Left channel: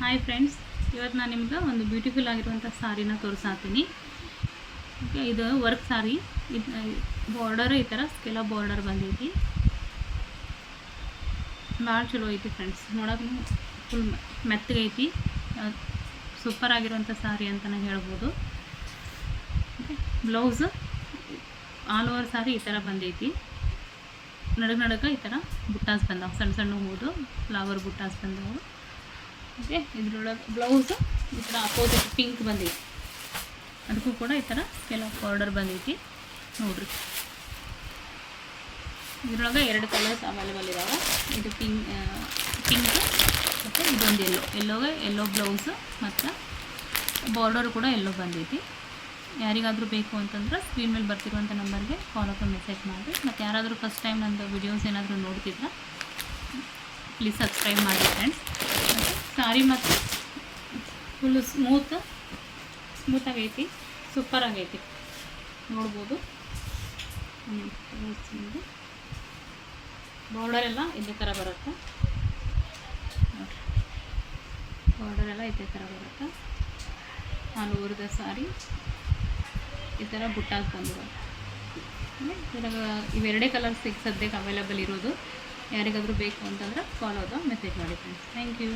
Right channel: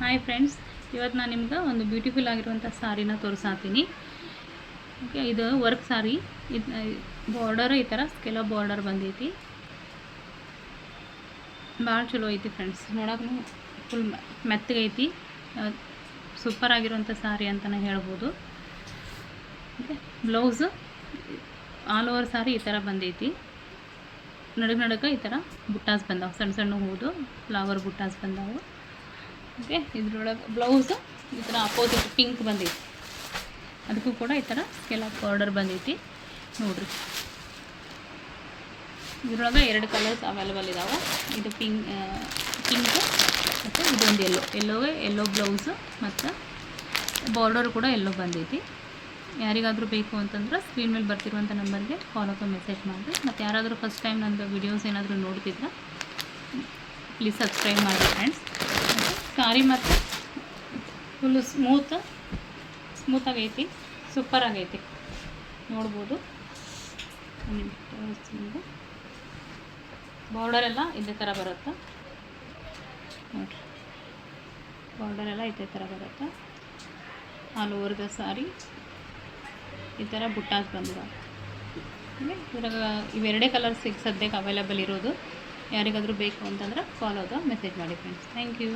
Hi friends, ಇವತ್ತು ನಾನು ನಿಮ್ಗೆ ಒಂದು ಬ್ಯೂಟಿಫುಲ್ ಆಗಿರುವಂಥ ಸಾರಿನ ತೋರಿಸಾತೀನಿ. ಇದು ವರ್ಕ್ ಸಾರಿ. ಬಾರ್ಡರ್ ಈ ಥರ ಸ್ಕೆಲ ಬಾರ್ಡರ್ ಬಂದೈತಿ. ಭಾಳ ಚಲೋ ಐತಿ ಫ್ರೆಂಡ್ಸ್. ನೋಡೋಕೆ ಫುಲ್ ಮೆತ್ತಗೈತಿ. ಸೂಪರ್ ಆಗಿರುವಂಥ ಸಾರಿ ಅಂತಲೇ ಹೇಳ್ಬೋದು. ಓಕೆ, ಬ್ಲೌಸ್ ಆಲ್ ಓವರ್ ಸಾರಿ ಈ ಥರ ಬಂದೈತಿ. ನಡುಗೆ ಈ ಥರ ಬುಟ್ಟಾಸ್ ಬಂದಾವೆ, ಸಣ್ಣ ಸಣ್ಣ ಹೂದು ಫ್ಲವರ್ ಬುಟ್ಟಾಸ್ ಬಂದಾವೆ. ಓಕೆ, ಇದ್ರೊಳಗೆ ಬ್ಲೌಸ್ ಈ ಥರ ಅಪೋಸಿಟ್ ಪಿಂಕ್ ಬಂದೈತಿ. ಅದಕ್ಕೂ ಕೂಡ ಈ ಥರ ಕೆಲವು ಬಾರ್ಡರ್ ಬಂದೈತಿ ನೋಡಿರಿ. ಇದ್ರೊಳಗೆ 2 ಕಲರ್ಸ್ ಅವೈಲೇಬಲ್ ಇದ್ದಾವೆ. ಇದು ಪಿಂಕ್ ಮತ್ತು ಇದೊಂದು ಎಲ್ಲೋಗೆ ಎಲ್ಲೋ ಬ್ಲೌಸು ಮತ್ತು ಬಾರ್ಡರ್ ಕೂಡ ಎಲ್ಲೋ ಬಂದೈತಿ. ಯಾರಿಗಾದರೂ ಬೇಕು ಅಂತಂದ್ರೆ ಸ್ಕ್ರೀನ್ ಮೇಲೆ ಬರ್ತಿರುವಂಥ ನಂಬರ್ಗೆ ಕಾಲ್ ಅಥವಾ ಮೆಸೇಜ್ ಮಾಡಿ. ಮತ್ತು ಯಾರಾದರೂ ಫಸ್ಟ್ ಟೈಮ್ ನಂದು ವಿಡಿಯೋಸ್ ಏನಾದರೂ ನೋಡ್ತಿದ್ರೆ ಪ್ಲೀಸ್ ಸಬ್ಸ್ಕ್ರೈಬ್ ಮಾಡಿ ಫ್ರೆಂಡ್ಸ್. ಮತ್ತು ಸಾರಿ ಮತ್ತು ಫುಲ್ಲು ಸ್ಮೂತಾಗೈತಿ, ಸೂಪರ್ ಆಗೈತಿ, ನೋಡ್ಬೋದು. ಬಾರ್ಡರ್ ಎಲ್ಲ ಇದೇ ಥರ ಬರುತ್ತೆ ನೋಡಿರಿ. ಬಾರ್ಡರ್ ಎಲ್ಲ ಇದೇ ಥರ ಬರುತ್ತೆ. ಆಲ್ ಓವರ್ ದ ಸಾರಿ ಈ ಥರ ಬುಟ್ಟಾಸ್ ಬಂದಿವೆ. ಇವಾಗ ಇವೆರಡೇ ಕಲರ್ಸ್ ಈಗ ಸದ್ಯಕ್ಕೆ ಅವೈಲೇಬಲ್ ಇರೋದು. ಯಾರಿಗಾದರೂ ಬೇಕು ಅಂತಂದ್ರೆ ಕಾಲ್ ಅಥವಾ ಮೆಸೇಜ್ ಮಾಡಿ ಫ್ರೆಂಡ್ಸ್. Thank you.